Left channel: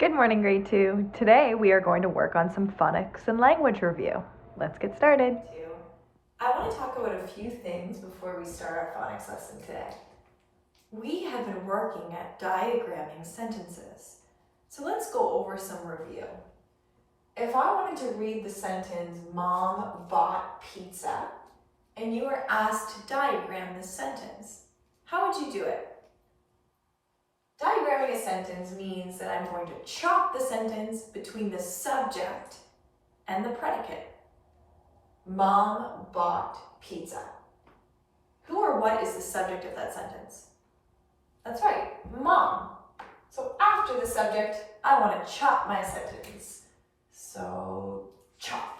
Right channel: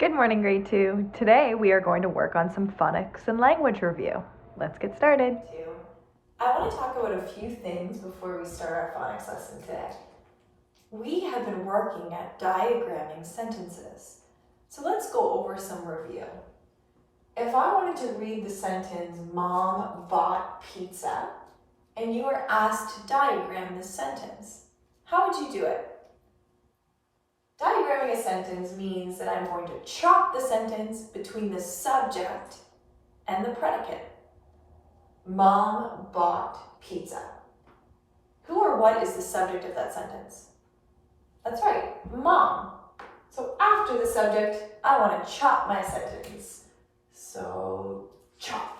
Good morning, grade 2. Today we are going to work on some phonics and language review. Let's get started. I want to talk about a few things before we start our phonics lesson today. We have been working at diagramming sentences. So let's go over some review. If I wanted to read the sentence, Mom bought pizza, and you were asked to diagram this sentence, how would you do it? Diagramming a sentence means that I'm going to chop the sentence between the subject and the predicate. Mom bought pizza. Who or what is the subject of that sentence? That's right, Mom. So after the subject, I want to chop my sentence. So chop.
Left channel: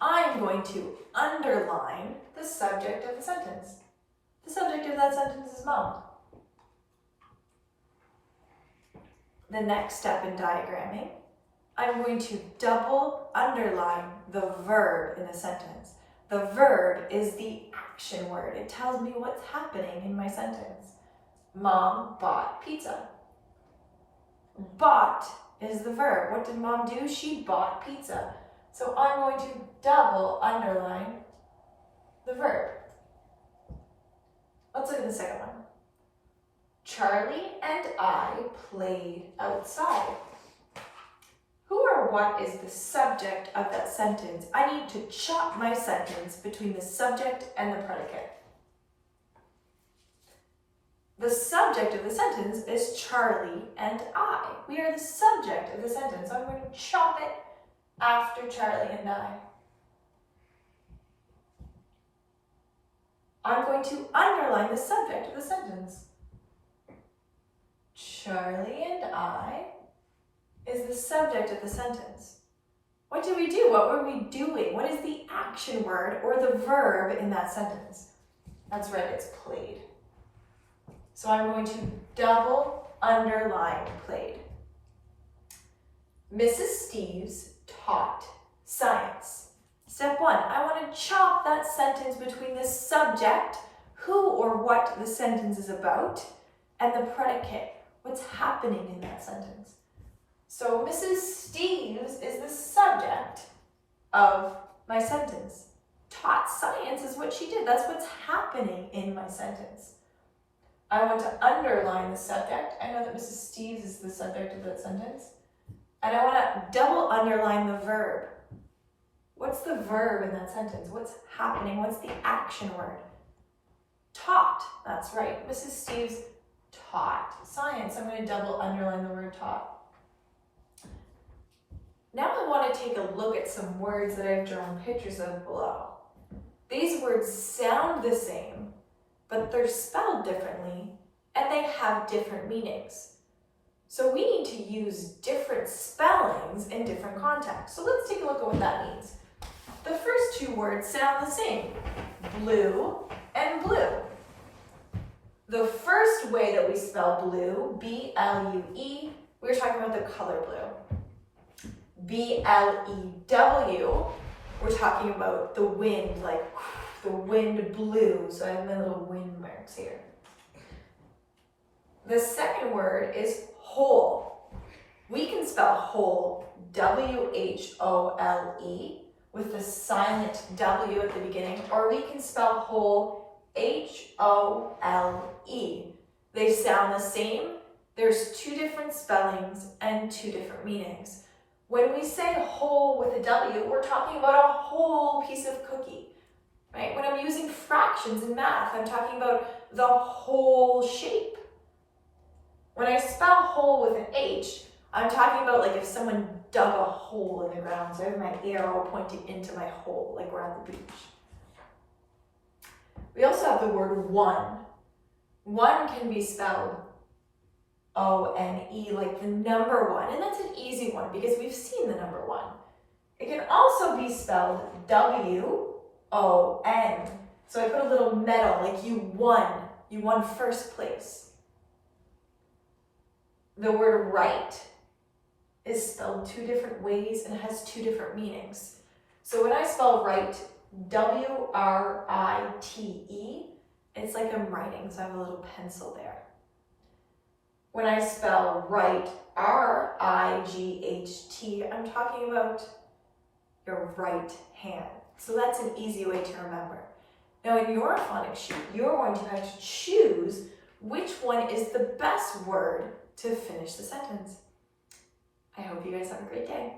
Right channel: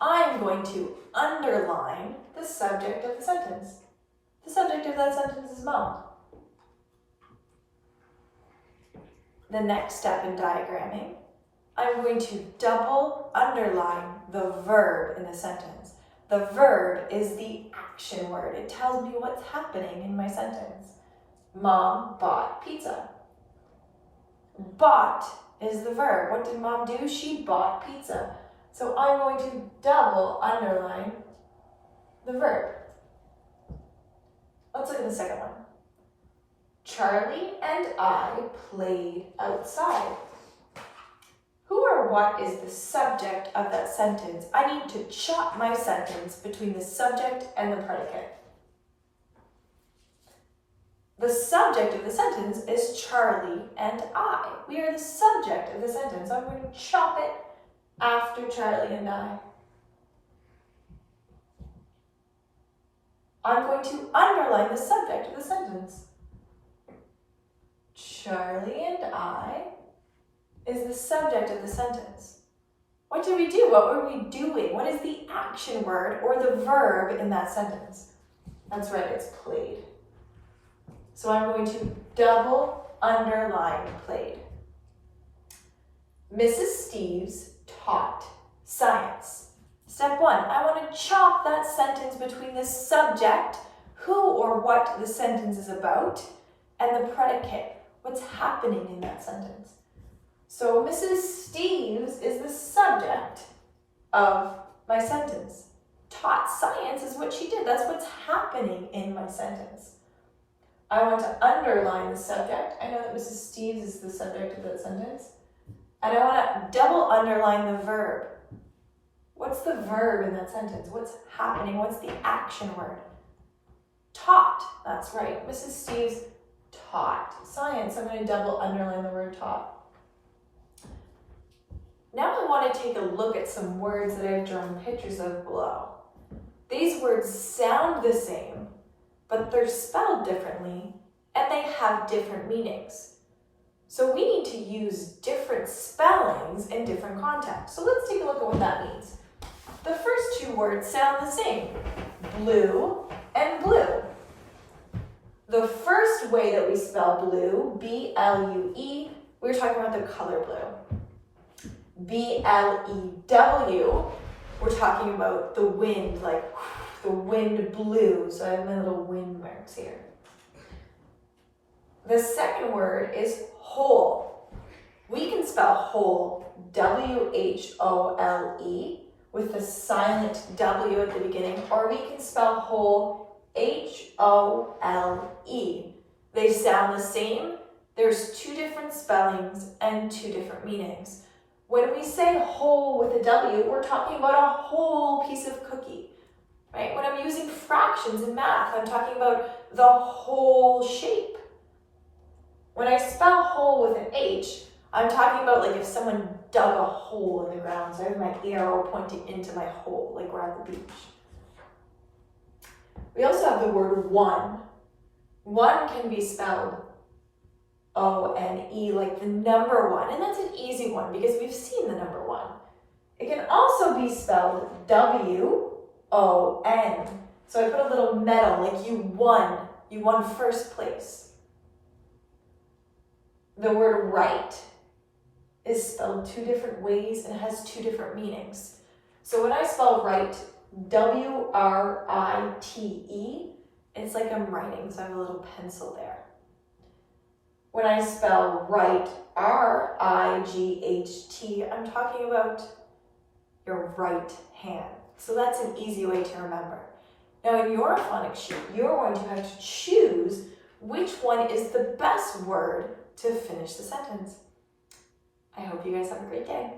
I'm going to underline the subject of the sentence. The subject of that sentence is Mom. The next step in diagramming, I'm going to double underline the verb in the sentence. The verb is the action word. It tells me what's happening in my sentence. Mom bought pizza. Bought is the verb. What did Mom do? She bought pizza. So I'm going to double underline the verb. Let's look at the second one. Charlie and I played outside. Who or what is the subject of that sentence? I need to chop my sentence between the subject and the predicate. The subject of the sentence is Charlie and I. We are the subject of the sentence. So I'm going to chop it after Charlie and I. I'm going to underline the subject of the sentence. Charlie and I is the subject of the sentence. What did we do? What were we doing? What is the action word or the verb in that sentence? That's right, it's played. So I'm going to double underline played. Mrs. Steves taught science. Step 1, I want to chop that sentence between the subject, who or what the sentence is about, and the predicate, what's happening in that sentence. So Mrs. Steves is the subject of my sentence. Taught science is what she did. That's what's happening in my sentence. I want to underline the subject. I know that Mrs. Steves is the subject of that sentence. And I want to double underline the verb. What's the verb in that sentence? What's happening? What's the action word? Taught. That's right. Mrs. Steves taught science. I'm going to double underline the word taught. Now I want to take a look at some words that I've drawn pictures of below. These words sound the same, but they're spelled differently and they have different meanings. So we need to use different spellings in different contexts. So let's take a look at what that means. The first two words sound the same, blue and blue. The first way that we spell blue, B-L-U-E, we're talking about the color blue. B-L-E-W, we're talking about the wind, like the wind blew. So I have my little wind marks here. The second word is whole. We can spell whole, W-H-O-L-E, with the silent W at the beginning, or we can spell whole, H-O-L-E. They sound the same. There's two different spellings and two different meanings. When we say whole with a W, we're talking about a whole piece of cookie, right? When I'm using fractions in math, I'm talking about the whole shape. When I spell whole with an H, I'm talking about like if someone dug a hole in the ground. So I have my arrow pointing into my hole, like we're at the beach. We also have the word one. One can be spelled O-N-E, like the number one, and that's an easy one because we've seen the number one. It can also be spelled W-O-N. So I put a little medal, like you won first place. The word right is spelled two different ways and has two different meanings. So when I spell right, W-R-I-T-E, it's like I'm writing, so I have a little pencil there. When I spell right, R-I-G-H-T, I'm talking about your right hand. So that's an easy way to remember. Now in your phonics sheet, you're going to have to choose which one is the best word to finish the sentence. I hope you guys have a great day.